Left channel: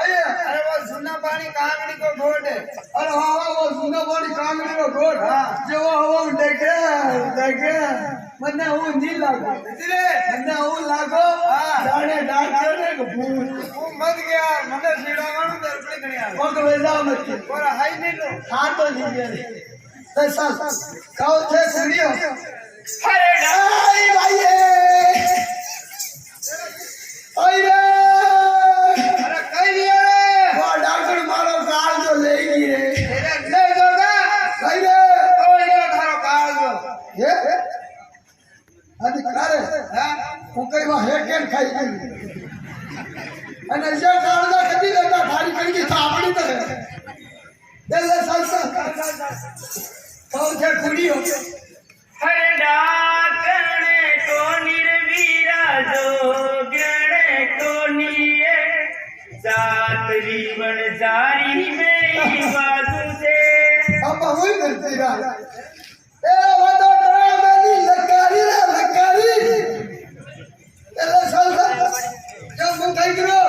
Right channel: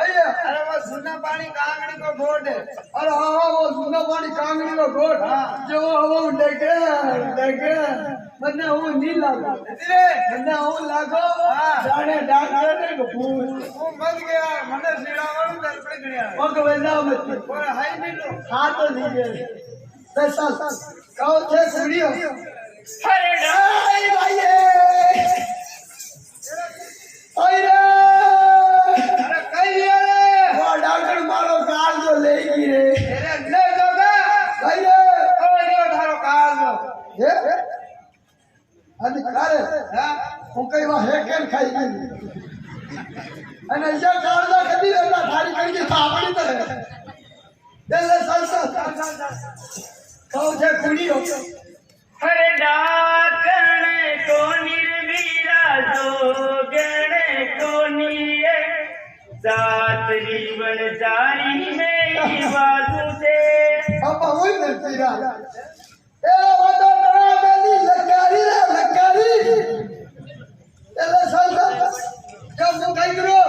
अरे वो सुना पानी कांगड़ी को घोट है। अरे हाँ वो सुना पानी कांगड़ी को घोट जो वो देखे मन्ने वो नहीं लागो मन्ने वो लागो जाने डॉक्टर ने को भूत वो मत गया मने सीड़ा वालू दरपड़ी गणिया ओ को वेदा मत और हाई नहीं लो हां तो नहीं गए दस साल कहो थे सीढ़ियो अरे भाई भाई ओए रे अरे कई दिया रे वो डॉक्टर मारो काल जो लेगी रे तेरे ले जोगा भाई रे ओए रे थारो काल जो ये अधिकार हां હું કઈ વા હેકેન ખાઈ ગઈ અને જે કાળદા કદી લેતા થારી કડી થાપડી તો દેલે સંસા પૌધે કુડીઓ अरे डाकणे को निर्वीरा जो गणे को निये सात जीवन जारी में बाजू से अब हुई मिलती रा ए वो तो डरा मेरी लकारी रे लकारी देले संसा जब હું કઈ કરો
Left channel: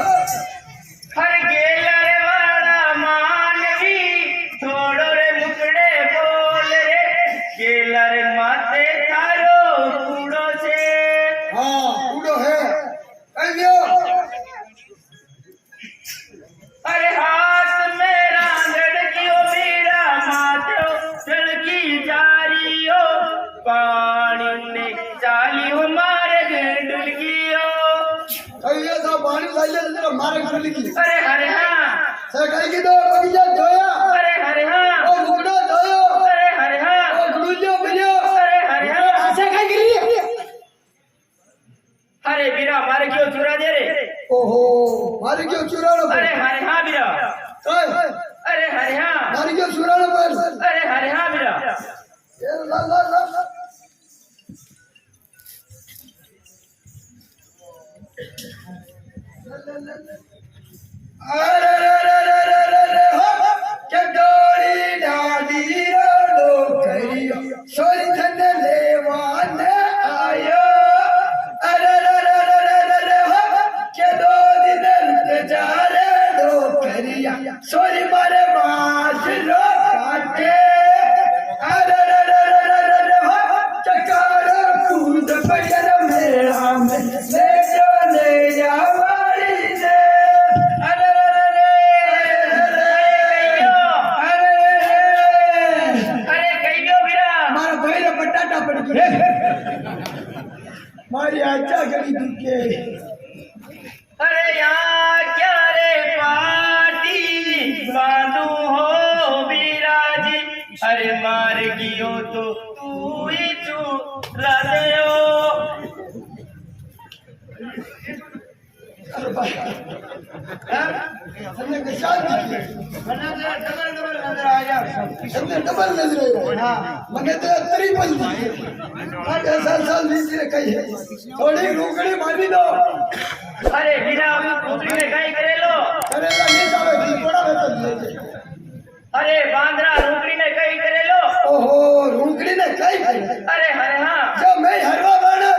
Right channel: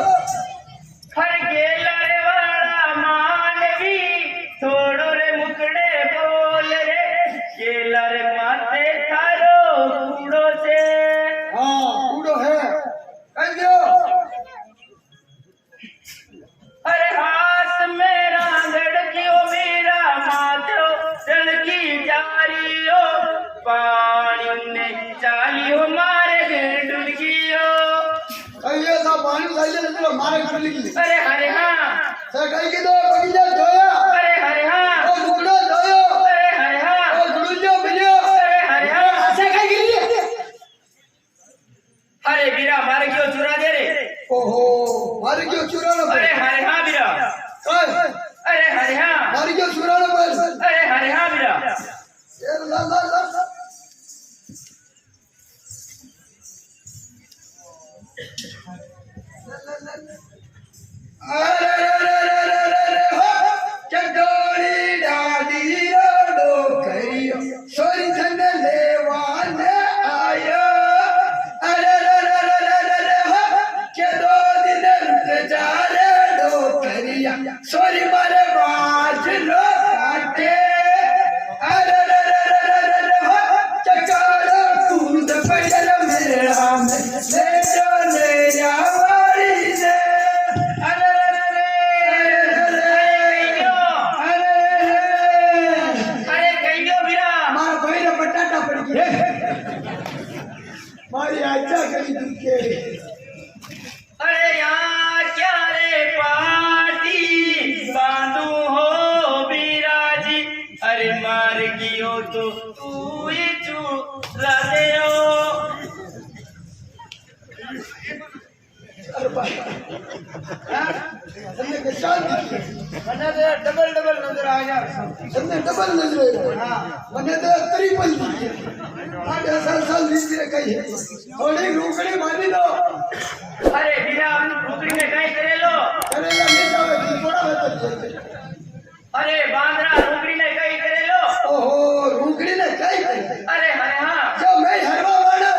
हर गेलरे वाला मानवी थोड़ो रे मुकड़े बोल रे गेलर माथे थारो कूड़ो से हां કુડો હે કઈ ગયો अरे हाथ में रांगड़ कियो मेरा माथो जलकी जारियो पानी ने चालियो मारे डुलगियो કઈ તો પાણી લઈ લે તો મારે કરી લીધી अरे हरे हाँ સે કઈ કીધો બગીચા જોયા अरे हरे हाँ ઓ લુગડો જોયો अरे हरे हाँ ઓ ગુડુલ્યો મિલ્યો अरे हरे हाँ આસે કઈ ગઈ अरे बीरा मारे क्यों चुरा दे रे ઓહો મારી ગયો ચુરાણો પર अरे हरे हाँ बीरा કઈ अरे हरे हाँ મારી ગયો ચુરાણો પર अरे हरे हाँ बीरा એ લા લા લા અરે રે રે રે રે રે હો કે ડોળી ડાડી રોડો કર્યો સોરી ધન લેવાને આયો અરે રે રે રે રે રે રે હો કે દો દિન રૂટ જારે ડો કર્યા સોરી મારે વાજરો કાટે અરે રે રે રે રે રે રે હો ચકારો કૂદ પયર મેળા મે લેજો લે જાવાળી ને અરે રે રે अरे कहीं गयो बीरा મારા ભાઈને બટાટા પડી ગયા મારી આચા કરી દુખે अरे यहाँ क्या रे पार्टी बांधू हो बीराजी अरे मार गियो तो तू ही चूरा दे हो અરે ભાઈ હા તમને કે શાંતિ वरना तो डबल डबल नजर आ जा તમને ડબલ નજરે हाँ મને તો ત્રિપલ દીધી મારે સાલ લીધી રે કઈ થોડી રોકડી મારી દો अरे बीरा पुत्री ने कहीं करे लो કરેલા નહીં આવે દીપોડા તો લે अरे बांद्रा रोकड़ी ने कहीं करे लो ઓહો રોકડી ને કઈ કરી अरे हरे हाँ જો મે હરવા વાળા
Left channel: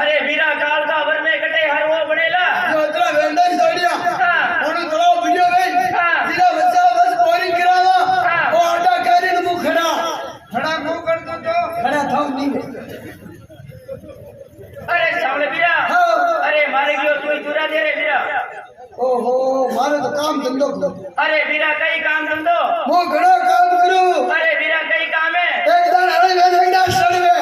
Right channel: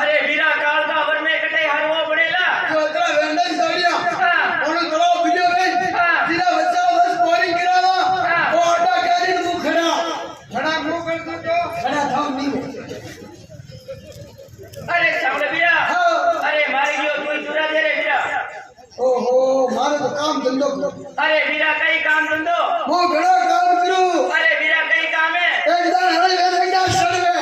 अरे बीरा काल का वर में कटे हरवो बनेला જો અતરા વેંડા છોડ્યા हाँ ઓનો થોડો બીજો ગઈ हाँ જીરા બચ્ચા બસ બોરિંગ કરાવા हाँ ઓ આડા કરીને મુ ખડા खड़ा मुंह कर दो तो ખડા થાવ નહીં अरे सामने बीरा હા अरे मारे गयो तू ही चुरा दे रे बीरा ઓહો મારે તો કામ ધંધો કરો अरे बीरा कई काम धंधो હું ઘણો કામ કરું अरे बीरा कई काम है એક દાન હળી વેંડા છોડવે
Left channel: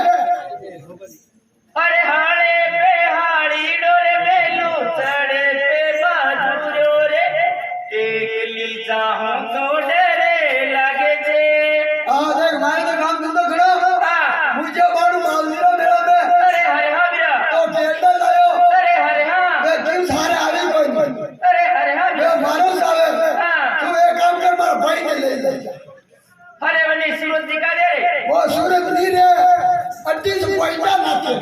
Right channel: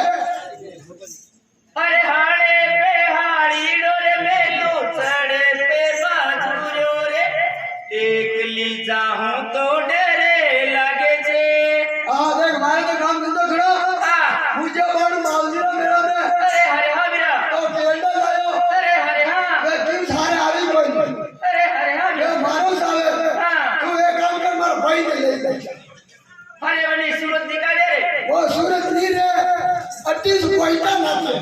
अरे हाड़े पे हाड़ी डोरे मेलू चढ़े पे बाजूरो रे एकली जाऊं तो डरे लगे जे હા દેખ મારે તો કામ ધંધો ઘણો हाँ મુજે બાડું માલદીરો મેળા મે अरे हरे हाँ बीरा તો કેરડા લાયો अरे हरे हाँ મે કેમ સારે આવી કોઈ अरे हरे हाँ મે बीरा મારો સાવે हाँ તું એક કામ કર મારા ભાઈ ને લઈ લે अरे वनी सूरत दिखा दे रे ઓ સુરત ની રે 28 પૈસા નાખે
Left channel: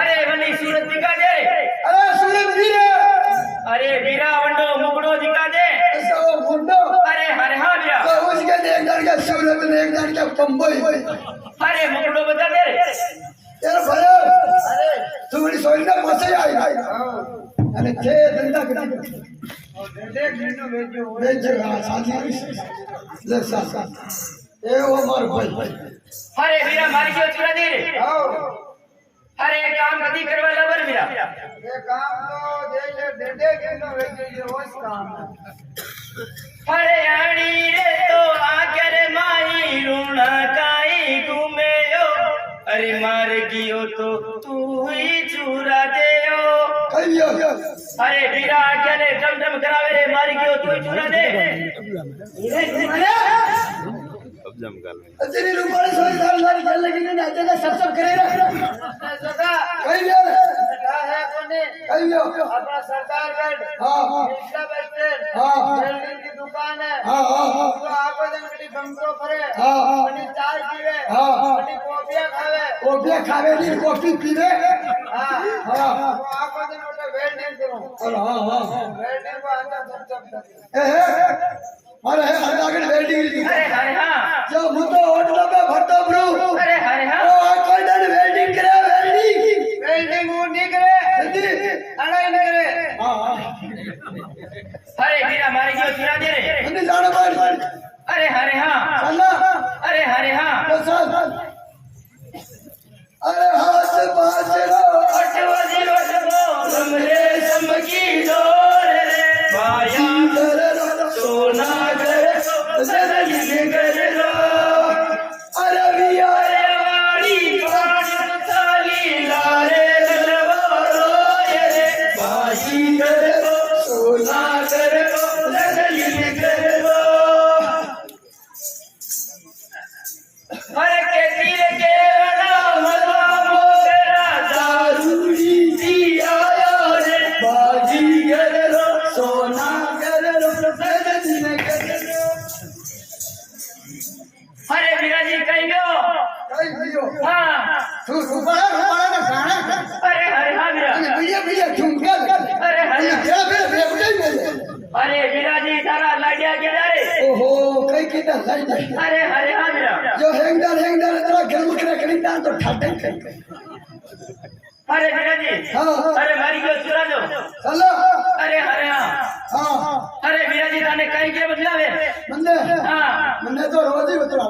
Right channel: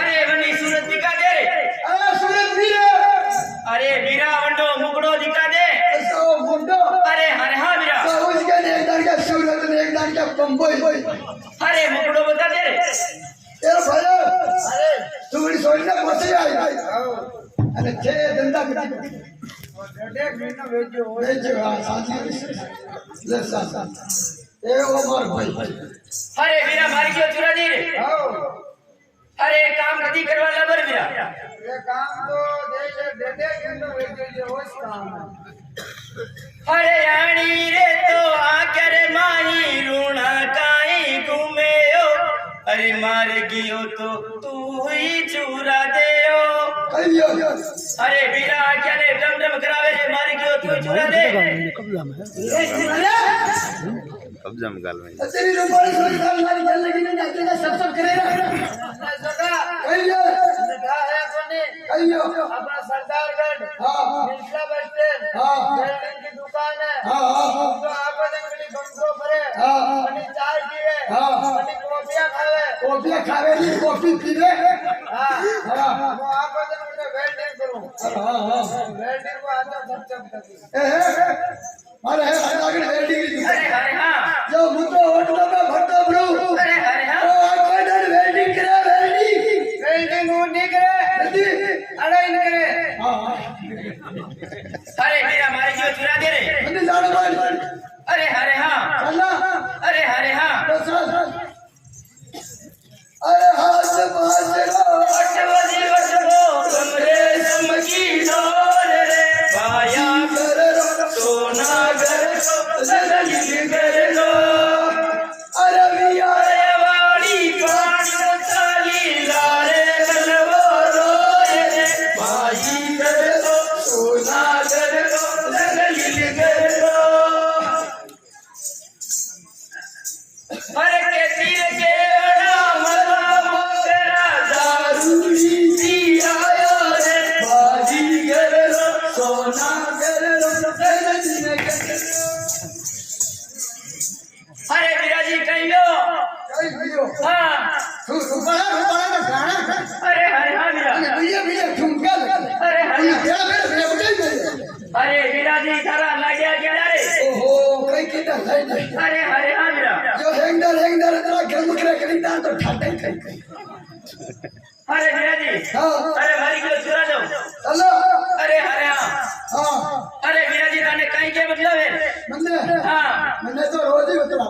अरे वनी सूरत दिखा दे रे અરે સુરત ની રે अरे बीरा वंडो मुकड़ो दिखा दे ऐसा वो गुंडो अरे हरे हाँ बीरा तो उसके ने एक दान के सूरत ने एक दान के बम्बई अरे मुकड़ो बता दे रे तेरा भला अरे तू बड़ी सोचना मसे आई અને જે ધંધા કરી વેચજો આ સાચી લે સાચા એ ઓમર ભાઈ અરે વીરા મારી ગયો ચુરાદીર આવ અરે એક કામ નથી કરવા લબર વીરા ये काम तो दे किलो वेचो ये होश काम है અરે આણી રે તો આ કરે માઈ રૂણા કાઈ ઘુમેયો અરે માર ગયો તો તું હી ચુરા દેયો કઈયો અરે વીરા ક્યારે ડમ કરાવે રે માર ગયો તું ચુરા દે कब्जा में गाल में तेरी रुमाने सोई दाल वाली जल लगी नहीं आके का सब करे रख जगह कईयो जगह है कोने कईयो अपना सरदारगढ़ हां मिथिला बस स्टैंड हां बिल्डिंग की दुकान है हां तो आको जंगड़ी बंगरो भरे हां आणि चाय पीवे हां आणि कॉफिया खावे नी कॉफी पीवे हां हां तो आको जंगड़ी वेल्डिंग करूं हां हां वेल्डिंग को आजा सब करी अरे सरदारगढ़ वेल्डिंग अरे हां जो मुको होटल में भरतो ब्रू अरे हां ओ कोई डर वेल्डिंग करे वेल्डिंग वो नहीं करे अरे नहीं करे हां अरे वीरा मारी गयो चुरा दे रे मैंने जाने मार अरे हां अल्लाह अरे हां तो साल अरे हाथ बाजरा अटवजी अटबो कमरे समकी डोर रे बाया कर सोना घर सजनी घर लो अरे विया अरे वाड़ी कान चाली लारे ललवारो रे बाई घर सोना घर सजनी घर लो अरे के तीर के अड़ा मरवा मोगरा दारूड़ी दिया रे बाजी घर लो सोना घर लो सजनी घर लो अरे विराजी कहियो कई वियो हां तू रुपड़ा ना गाना अरे हां वीरा भैया ठुमका अरे हां अरे विराजी तारा लाडिया के रे ओहो कई किता सही नहीं अरे हां वीरा जो हेंगदार तेरा घर मुखरा खरीदार तो ठाटे खाई अरे विराजी हां अरे मारी गयो चुरा दो चलो अरे हां हां अरे विराजी ताने कहीं के मतलब है हां मैंने तो रोज ही उतरा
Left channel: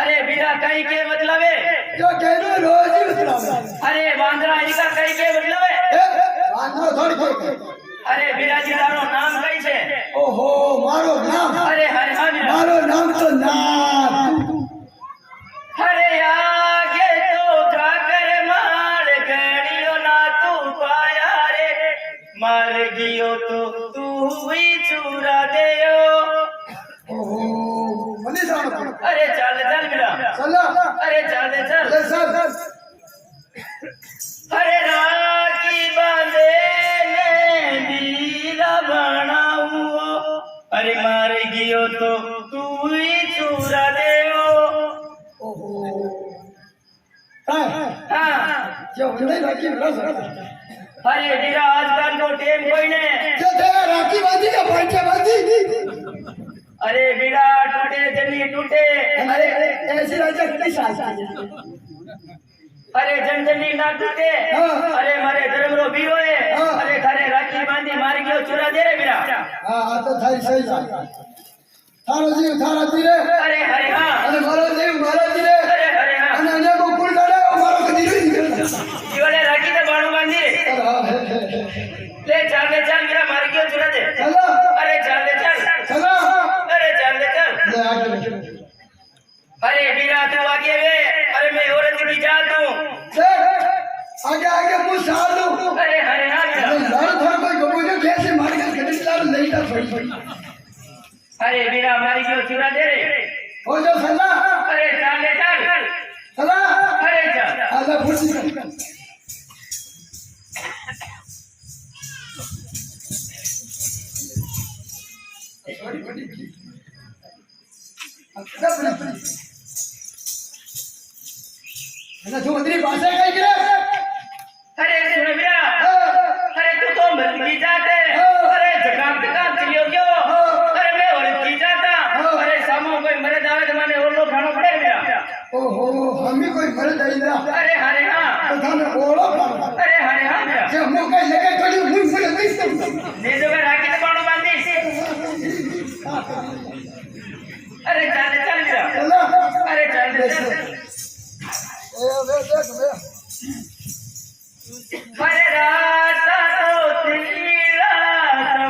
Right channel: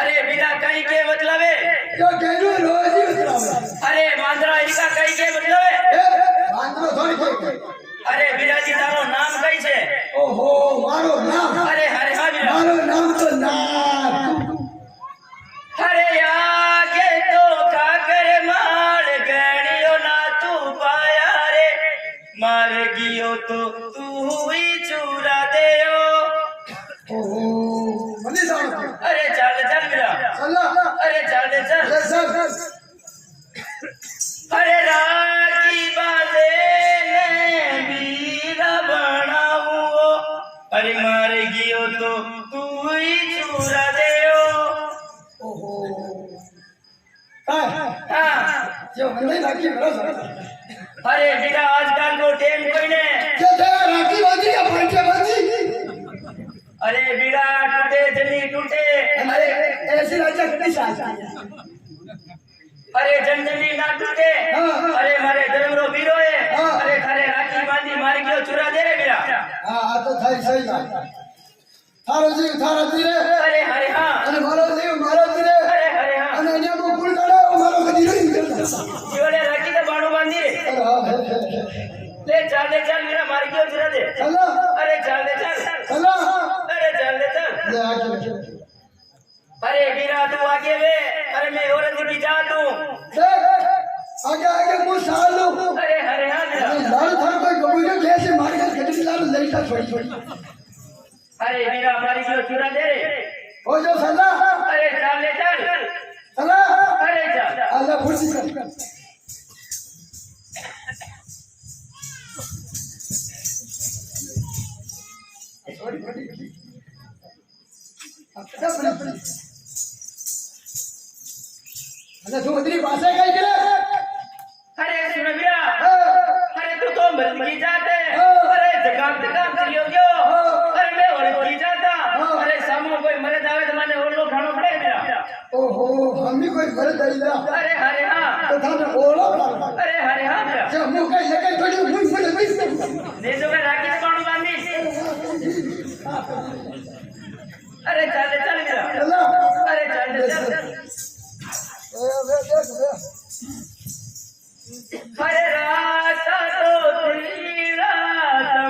अरे वीरा कहीं के मतलब है जो कहलू रोज ही उतरा अरे बांद्रा इनका कहीं के मतलब है आंध्र थोड़ी के अरे विराजी तारो नाम कई छे ओहो मारो नाम अरे हां वीरा मारो नाम तो ना अरे आगे तो काकर मार गणियो ना तू पाया रे मार गियो तो तू ही चूरा देयो ओहो मनी जानो अरे चल वीरा चलो अरे चल सर अरे राखी बांधे ने वीरा बनाऊ अरे मार गियो तो तू ही चूरा देयो ओहो हां हाँ जो नहीं लागी मेरा सर अरे वीरा आजकल को टेम कोई ने जे राखी बाजी का पंचे बाजी अरे वीरा टूटे जनी टूटे अरे ऐसी राजा कितनी साल अरे जंजली ना टूटे हाँ। अरे मारे धर्मरो वीरो है हाँ। अरे खारे राखी बांधी मार गयो चुरा दे रे वीरा हां तो थाई सही थारो जी रे अरे हरे हां अरे मारो जी रे अरे हरे हां અને એને કો કુલ કાઢે ઓ મારો કદી નહીં जीवले राखी तो बाणू बांधी रे ले चल वीरा मार गयो चुरा दे चलो अरे चल चलो अरे चल ले आगे अरे वीरा तू आगे वे अरे मैं औरत की जा तू देख आगे आगे कुछ साल लो अरे हरे हां वीरा लाल था कोई गबोयो कैसे मार के गड्डी लाल नहीं था छोड़ी अरे वीरा मारी गयो चुरा दे रे हो जो सला अरे चल सला अरे चल आला फुर्ती कर छोड़ी अरे तू मंत्री भाषा काय करे अरे सुन वीरा अरे तू तो मर्द की जात है अरे जगाम चलियो गयो अरे मैं औरत की जाता अरे सामो कोई मरे जावे तो मैंने ओलो खानो पड़े वीरा ओहो हम भी कोई घर दईला अरे हरे हां तो थाने ओलो अरे हरे हां वीरा जे हम कई जगह थोड़ी मुंह मुंह ने जो मैं राखी तो बाणू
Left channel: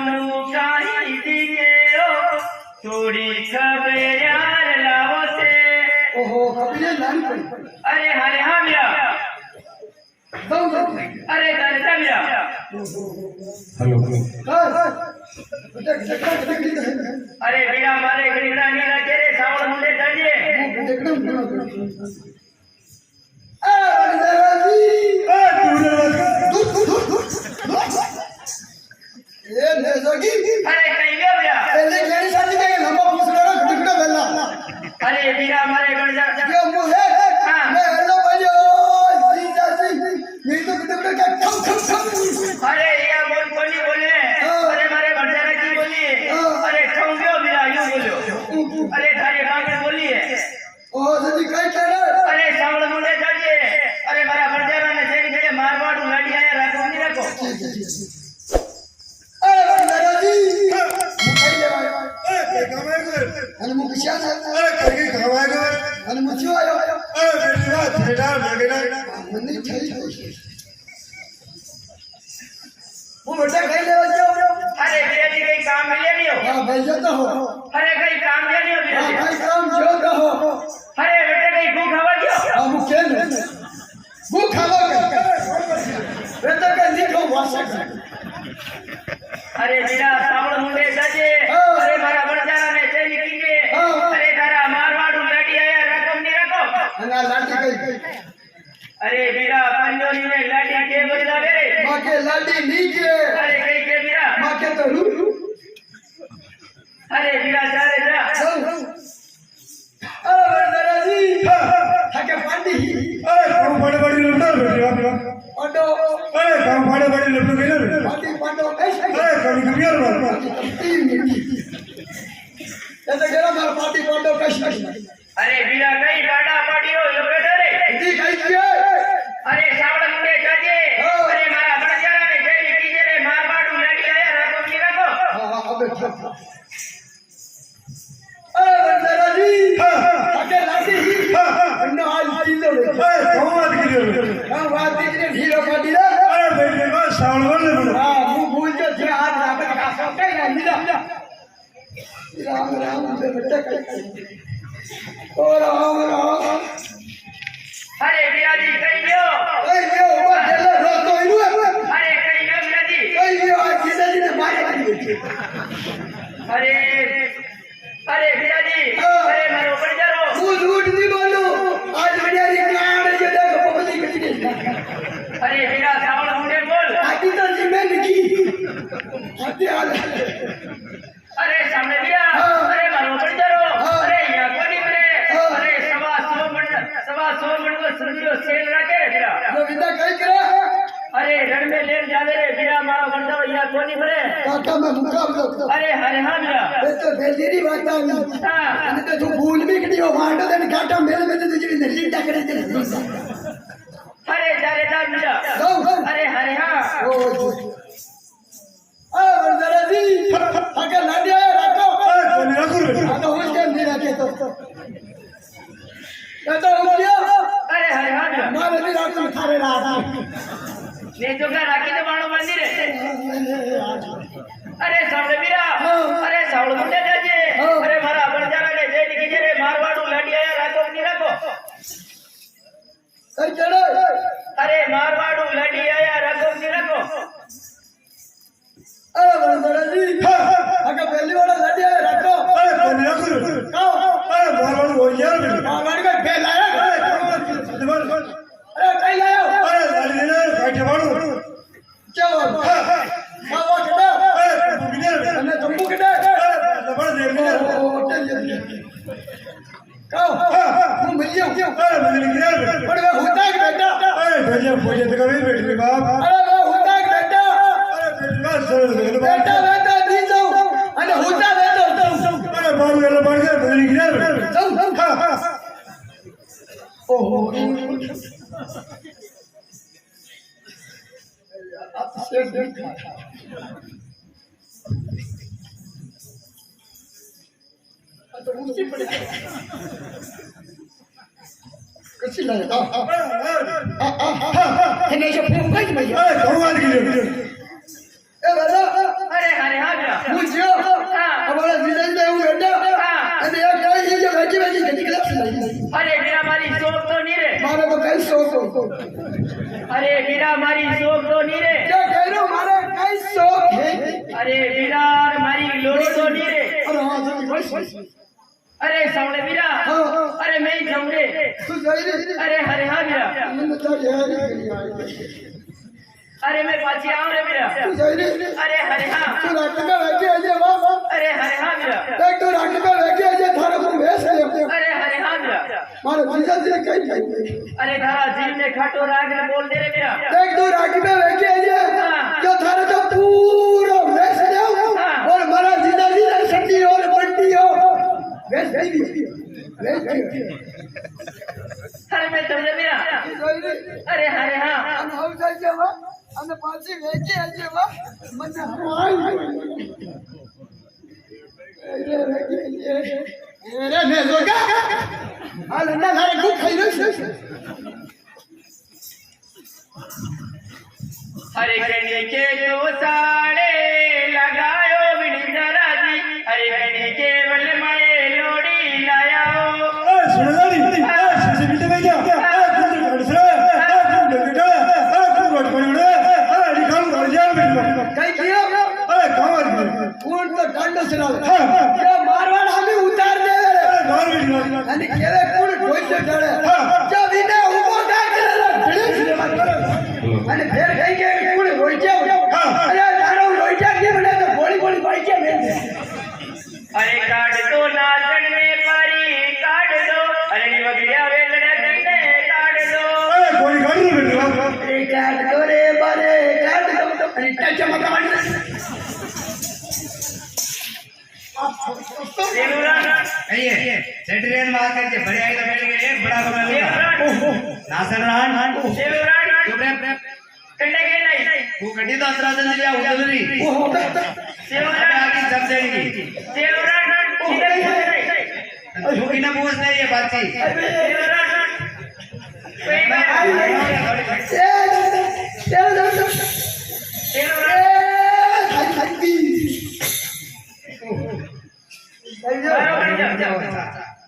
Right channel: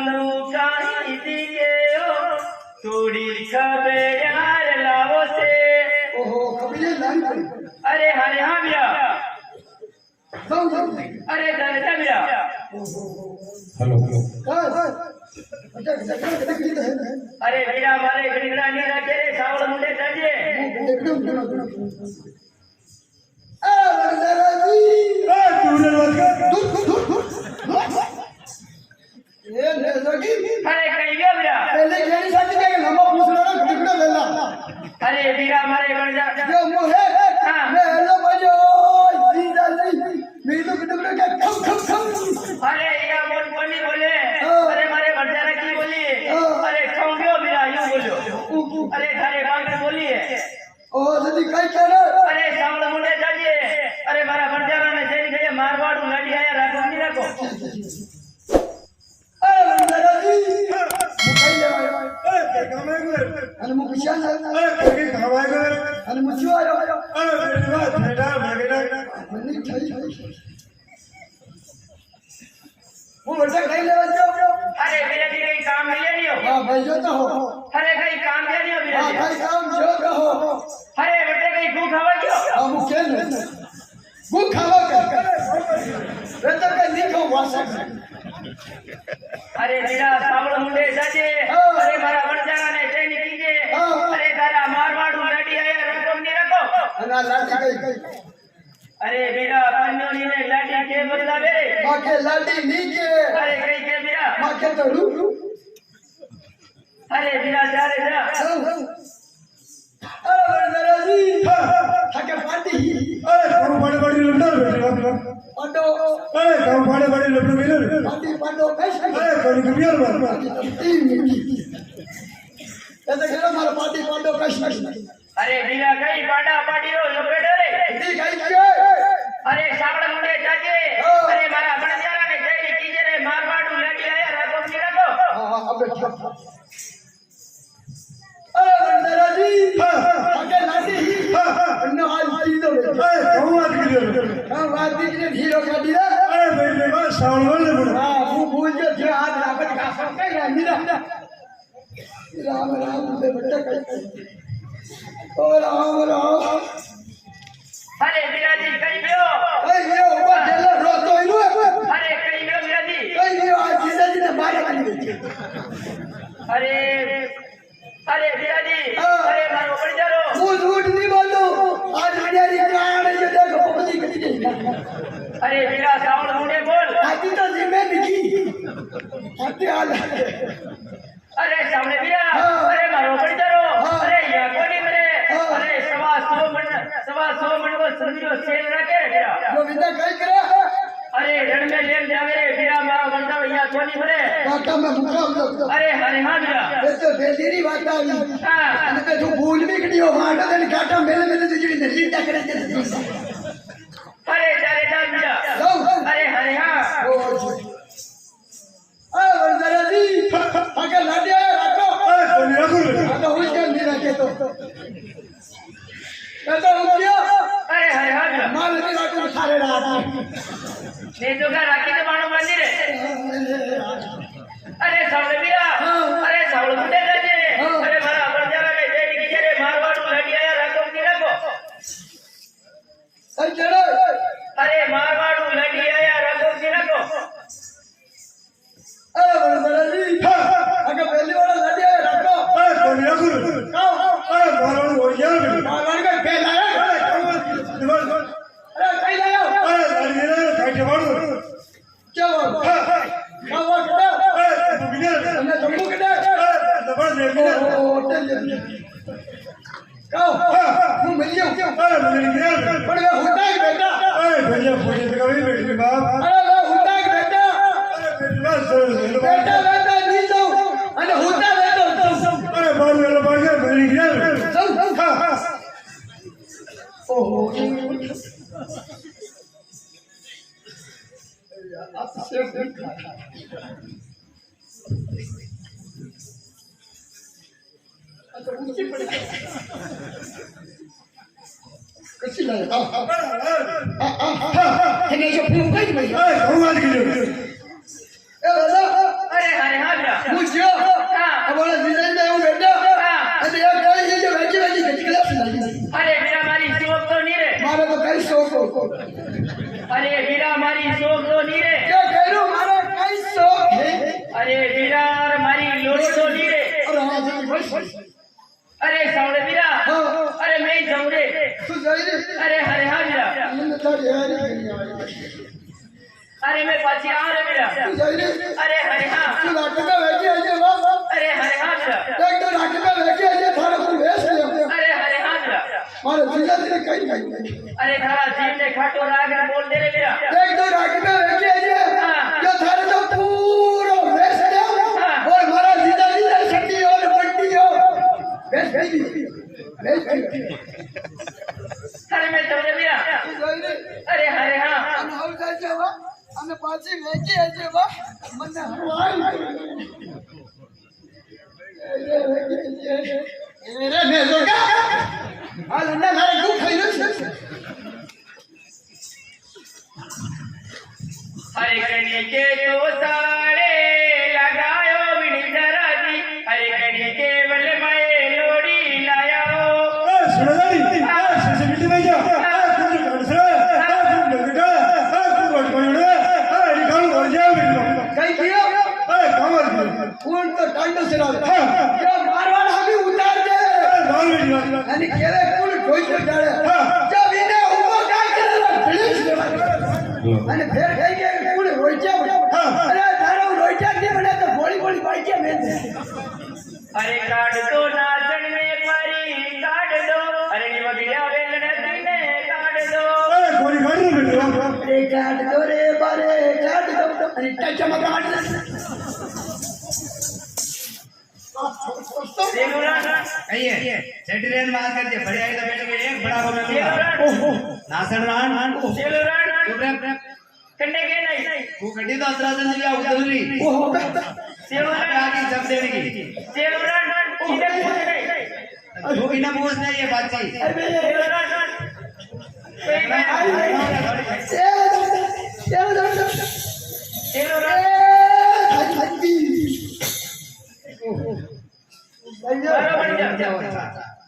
मुकाई दिए थोड़ी खबे यार लावो से ओहो कभी ये लाइन पड़ी अरे हरे हाँ भैया अरे दर्शन भैया हेलो हेलो अरे भैया हमारे गरीबरा नहीं रखे रे सावल मुंडे चाहिए अरे कहीं गया भैया अरे भैया हमारे गणजा अरे या बोल बोली बोले अरे हमारे बंजारा की बोली अरे ठोंगियो भैया यूं बोलो अरे थारे गांव की बोली है अरे सावल मुंडे चाहिए अरे मारा बंजारा ने जेनी जगह मारवाड़ लड़ी आया राखो नहीं राखो અને હું કશા છે અને હું શું આવ્યો મને થઈ હું મોટા ખાઈ લેવા જાઉં अरे भैया जी कहीं काम लिया नहीं हो હા ભાઈ જો તો હો अरे कहीं काम लिया नहीं हो भैया હા जी ભાઈ કામ જો કહો अरे बेटे कहीं भूख हवा क्यों હા હું કેમ ભૂખ ખાવા કે એ તો કે લીખો વાસક अरे बेटा सावड़ मुंडे जाजे अरे मारा बंजारा ने चेली कीजे अरे तारा मारवाड़ लड़ी आया रकम नहीं रखो અને આ લાઠી ગઈ अरे बेटा पंजोली में लाठी के बदला मेरे માકે લાડી નીચે अरे कहीं के मेरा માકે તો રૂ अरे बेटा जा रे जा આ વરદાજી થાકે પાડી ઓડો પાડી પાડો કઈ એ તો કેરા માર પાડી પાડો કઈ अरे बेटा कहीं बाड़ा पड़ियो लपेटो रे દી કઈ કે अरे सावड़ मुंडे जाजे अरे मारा बंजारा ने चेली कीजे रे मारवाड़ लड़ी आया रकम नहीं रखो હા હા અબે આ વરદાજી થાકે લાડી અન્નો આજ ચીજો રે હા વાત દીકરી ઢીરો પાડી રે હા હું ભૂલ જો છે આજ રાત કાસો કઈ ના નીરા રામ રામ બે બેટા કઈ ઓ રામ રામ अरे बेटा जी कहीं गयो ઓય યો ઉભા થેલો રોતો ઈનો अरे कहीं गयो बेटा जी ઓય યો આ જીજાજીને મારે કરી છે अरे अरे भैया जी अरे मारो बंजारो હું झूठ नहीं बोलूं आज बड़ियारी कान जो देखो पपली कटी गई अरे बेटा सावड़ मुंडे बोल आकी तो जिम्मेदारी की आते हाल अरे सामने भैया अरे मारो बंजारो अरे यहाँ कोनी मरे अरे सवा सुबह मंड को समझो सेल रखे रे भैया जो विदा कई करे अरे रण में लेन जावे रे भैया मारो बंजारो यहाँ कोनी मरे काका में मुकाम लो अरे हरे हाँ भैया ये तो बेदीरी बात आई हाँ અને તે જો ભૂલ બી કડી હો વાટ દેને કાટા મેલે મેલે જેડી ને લીટા કરે છે अरे जारे जा भैया જાઓ अरे हरे हाँ ઓ આ વરદાજી થાકે લાડી આયા રાખો આ તો હું કેમ નહીં રાખે તો એ તો હું ક્યાં अरे हरे हाँ भैया મારે નહીં રાખું થારે રાત ने तो का राखी तो बाणो बांधी रे अरे सावड़ भैया अरे सावड़ मुंडे जाजे अरे मारा बंजारा ने जेडी कीजे रे मारवाड़ लड़ी आया रकम नहीं रखो કઈ ચડે अरे मारवाड़ लड़ी आया रकम नहीं रखो એ વરદાજી આગળ પહેલી વાર લાડી આયા રાખો કાઓ આ વાડે પહેલા અરે કઈ લાયો કેવો ખાવા કડે અને જમવું કડે કાઓ હું મળ્યો પણ વે હોતા કે બેટા અરે વે હોતા કે બેટા બેટા બેટા ની જાઉં અને હોતા બેટા ઓહો आप से देखा तो ऊंची पड़ी कैसी लगे तेने जो फिल्म गई भाई ए दादा अरे हरे हाँ जोड़ी तो नहीं रे अरे हाँ जल्दी बस अरे सामने वीरा हाँ अरे मैं ही जाऊं रे तू जाई रे अरे हरे हाँ वीरा इन तो यार अरे मैं पाछी आऊं रे वीरा तू जाई रे अरे हरे हाँ तू रात में बैठे आजे वाह अरे हरे हाँ वीरा एक तो रात में बैठे आजे थारा को वेश ले अरे हरे हाँ वीरा मारे जीजा जी कहीं कहीं अरे धारा जीव में खाटो राग ने बोल दे रे वीरा एक तो रात में बैठे आजे जो थारा तो पूरा वेश ले और मारा जीजा जी ने सटी और पट्टी हो वेश नहीं वेश अरे मैं तुमने वीरा तू जाई रे अरे हरे हाँ અને હવે જાય વા અને પાછી વેચી આજે વા મને હવાઈ એરે ને જોગા આ લંડા મારે ખૂબ ખાઈ રહ્યો છે हरे गणी के तो सारे लगायो बिनी जरा जी हरे गणी के बल माए लोड़ी लायो सुरेदारी से बीते भाई जा कुछ गड़सरा कुछ बेटा कुछ रोड पड़ी रे निकालो घर जाओ કઈ ગયો काम કોણ તો ટાંડો સરાવ જો મારવાડ હમી ઉતાર દે मार बेटी અને કેવે કોણ ઢોઈ ડાળે જો વિને ઉભો કા કરે ભીડી અને ફેર કઈ કે કોણ હોઈ જાવ અરે તારો હોઈ જાવ કે મને તો ગોળી ગોળી પાઈ કે મેં अरे काट दो नाचन में पारी काट दो अरे निवगिया वेलड़े दीने काट दो कोई गाड़ी में बेटा अरे काट दो रे बारे काट दो अरे टच मत मार देवरान आइए सेटरेन बात करके बड़े आइले बैठ के एक बड़ा बना देवरान नासन रान देवरान चुप रे कंडे के नहीं वो गड्डी तो असरा जन लिया उधरी देवरान आगे जब देगी देवरान इधर नहीं तू की ना पूछ नहीं ये बात थी देवरान कोई बात देवरान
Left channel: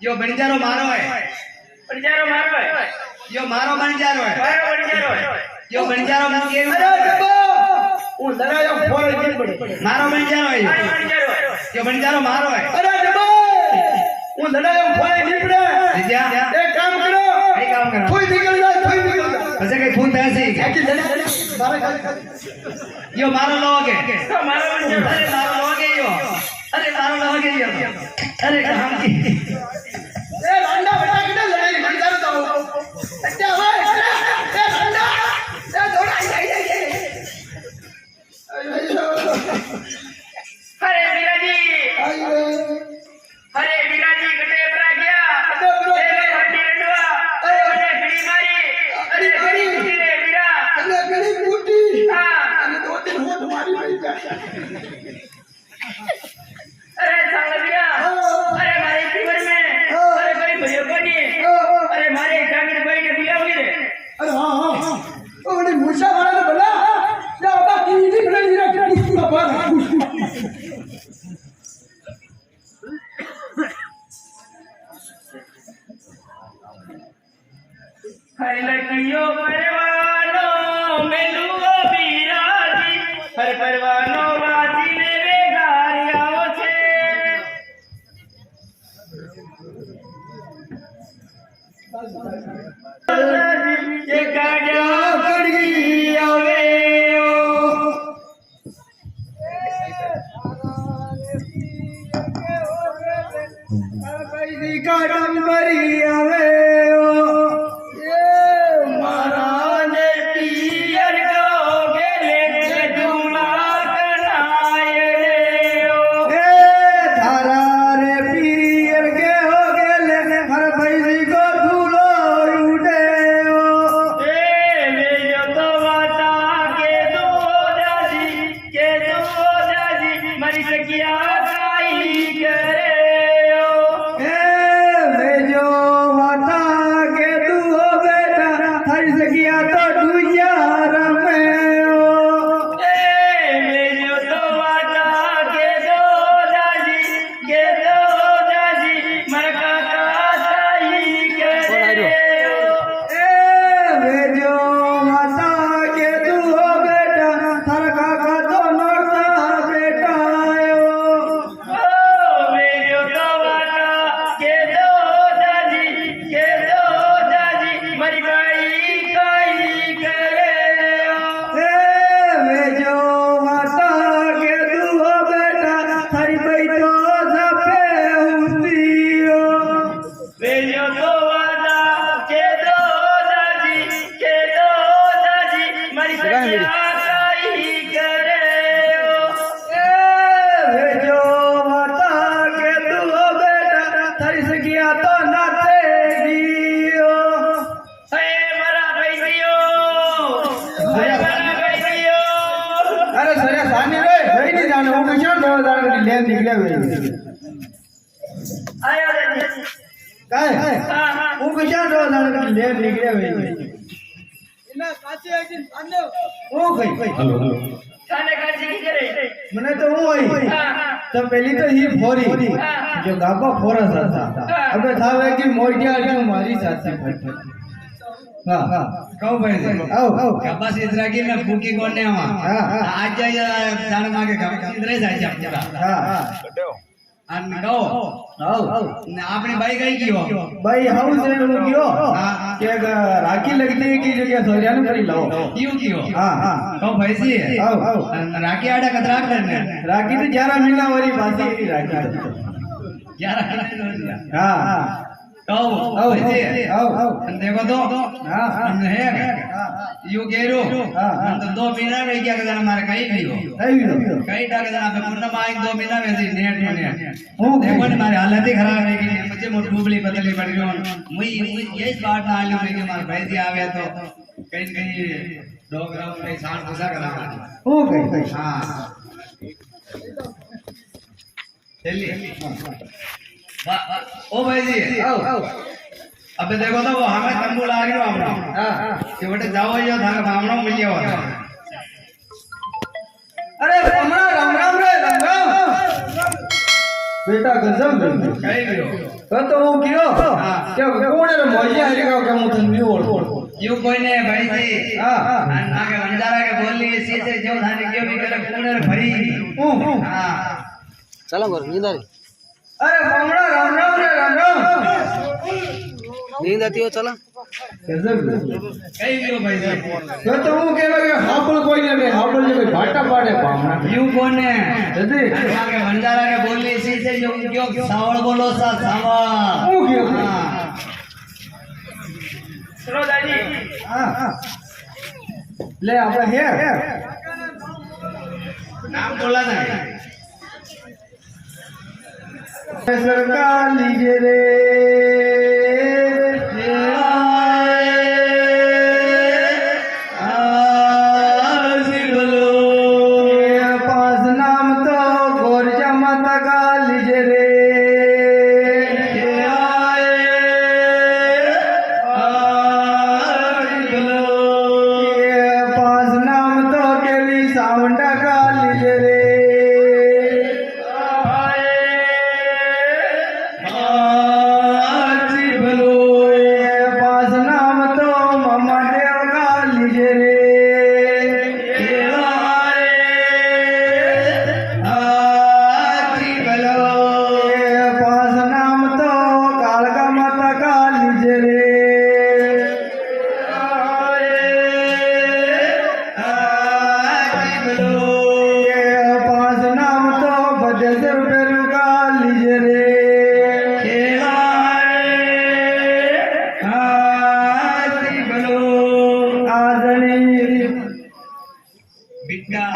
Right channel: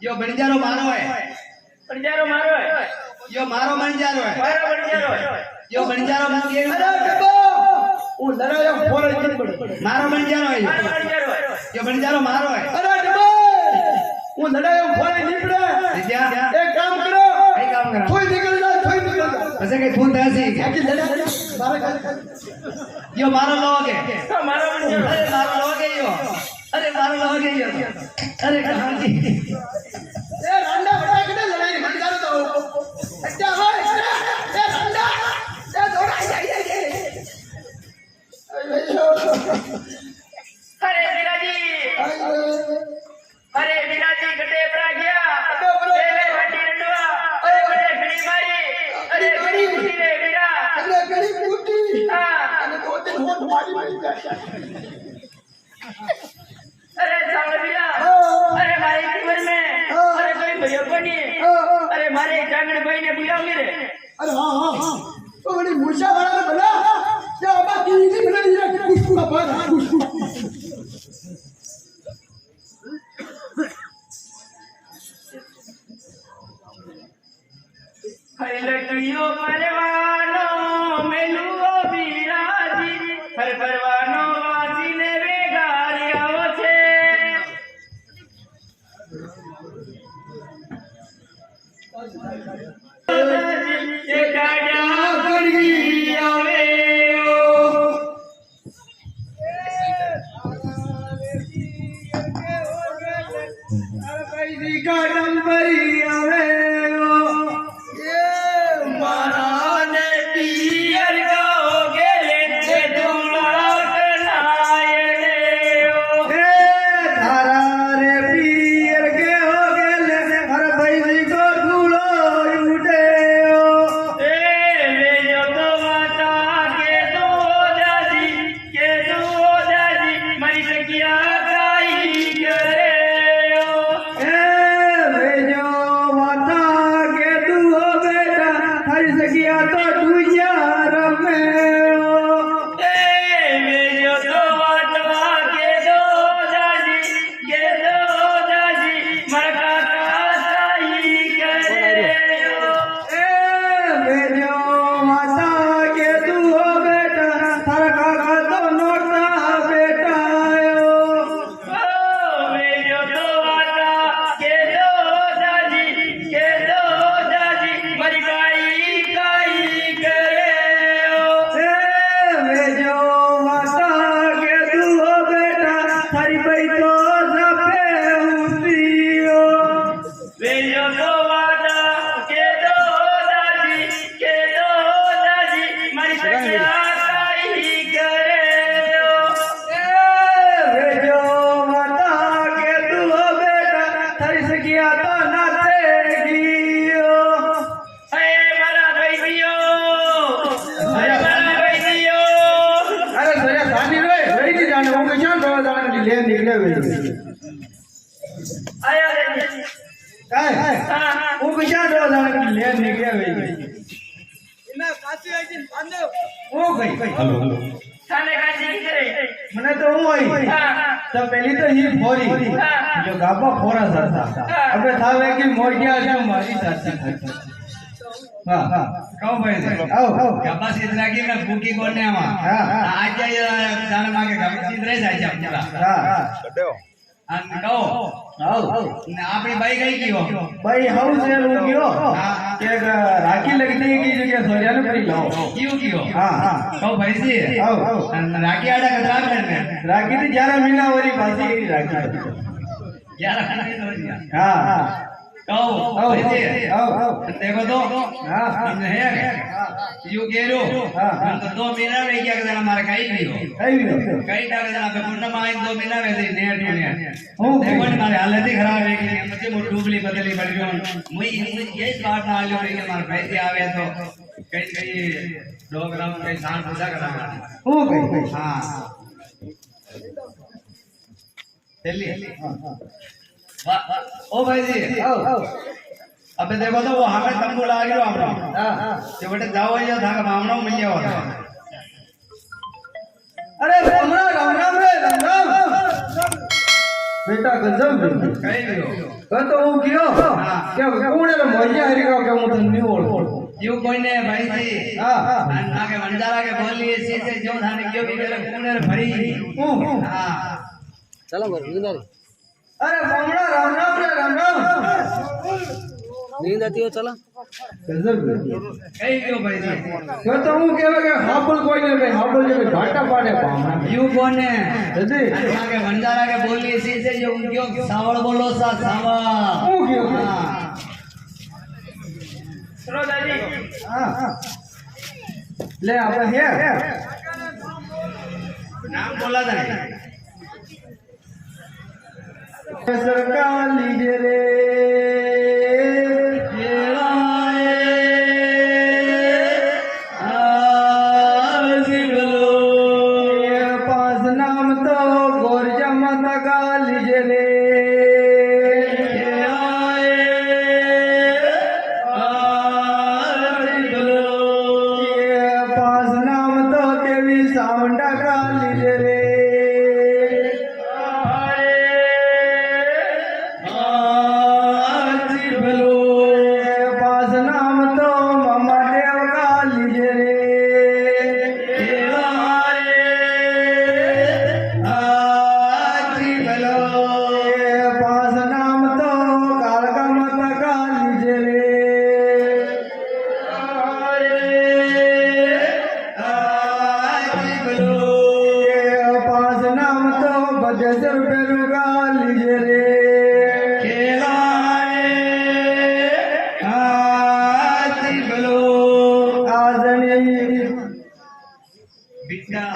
यो बणजारो मारो है पंजारो मारो है यो मारो बणजारो है मारो पंजारो है यो बणजारो मन के मारो बणजारो है मारो पंजारो है यो बणजारो मारो है विद्या एक काम करो ऐसे कहीं फोन था सी यो मारो लोगे मारो पंजारो अरे मारो लोगे यो अरे मारो लोगे यो अरे कहां की हरे विराजी हरे विराजी गटे पर गया तेरे हड्डी रंडवा अरे बड़े घड़ी मारी अरे घड़ी कुटी रे वीरा अरे सावल वीरा अरे मारे जीवन में अरे कोई भैया बनी अरे मारे जागड़ भाई ने बुलावी रे अरे हाँ हाँ हाँ तो बड़ी मूर्छा वाला ने बोला या बाबा की नहीं बना दी रखा कुछ बाबा कुछ हरे लड़कियों परवानो मेलुओ विराजी हर परवानो वासी ने बेगारियाओ छे ये गाड़िया कड़ी आवे દાડા લે નીકળે વે આયા રે કાય હા હા હું કશા દાડા લે નીકળે વે એના કાચી આઈથી આંદો હું કઈ થાને કાજી કરે મને તો હું હોય હા હા તો પેલી તો ही ફોરી જો ગાબા ફોરા હતા અબે થાવે કે મોડિયા જો મારી સાથે હા હા કહો ભાઈ આવ ગબ્બા સિદ્રાગી ને ભૂકી કોને આમાં હા હા આજ જાય જાણે માંગે ગબ્બા સિદ્રે જાય છે પૂરા હા હા અને કહો આવ ને આપણી બાઈ ગઈ ગયો ભાઈ હાઉસ ને લો ગયો હા કે રાખી लगती की जगह सोरिया ने पड़ी लो કયું ગયો हाँ हाँ કહો ભાઈજી આવ આવ અને રાખી આડા કતરા ને राखी तो 11 महीना वाली बासी राखी યાર हाँ हाँ કહો आव ભાઈજી आव आव અને દેખો તો हाँ हाँ અને હે યુ ગેરો हाँ हाँ તો 2 મહિના વે ગયા કદા મારે કઈ ગયો आई लो કઈ ડાકે જણા पे पूर्ण में 2 महीना वे थी नेट ने હું देखो मारे हालत ही खराब है कि मुझे मो डूबली बदली पड़ गयो मुई ये बात ना आलो कि मार भाई जी आवे तो कहीं कहीं 2 ग्राम कहीं साठ पूजा करा હું કઈ हां चलिए ओ भाई जी આવ આવ अबे देखो तो वो हमें तंबू ला गयो हमने हाँ हाँ कि बेटे जाओ यो था मामनो मिलियो अरे हमारा राम राम रे राम राम बेटा गजब कई गयो तो હું કયો હા. કે કોણે રે મોજિયા હરી કે હું તને ઓળખો यू कोई ने भाई जी હા હા आगे वंजारा के बोली इसी से जो थाने क्यों भी करे पुणे भरी હું हां चला बर नींद आ रही अरे हमारा राम राम रे राम राम नींद आती हो चला गजब कई क्यों भाई जी तो હું કહેવા કે હાબળ કોઈ ને હાબળ જે ઘાટા પાડે પામણા यू कौन है જદી आगे वंजारा के बोली इसी से जो क्यों सावड़ बोलो सा सावा હું કયો हां સરોદાજી હા હા લે આપણે હે नाम बोला था सरकार लीजिए रे पास नाम तो गोरजा माता का लीजिए रे पास नाम तो केली सावंडा का लीजिए रे पास नाम तो ममा देव का लीजिए रे पास नाम तो कालका माता का लीजिए रे पास नाम तो बजेश्वर बेरू का लीजिए रे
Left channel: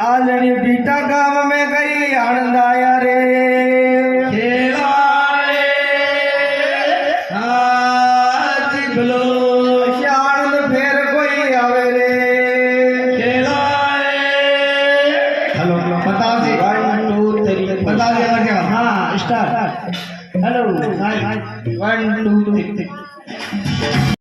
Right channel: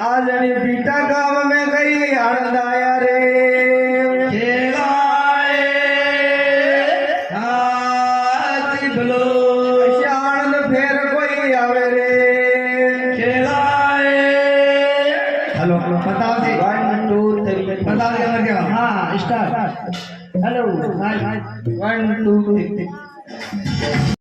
आजनी बीटा गांव में गई आनंद आया रे आनंद फेर कोई आवे रे हेलो बताओ जी 1 2 3 बताओ ये क्या हाँ स्टार्ट हेलो 1 2 3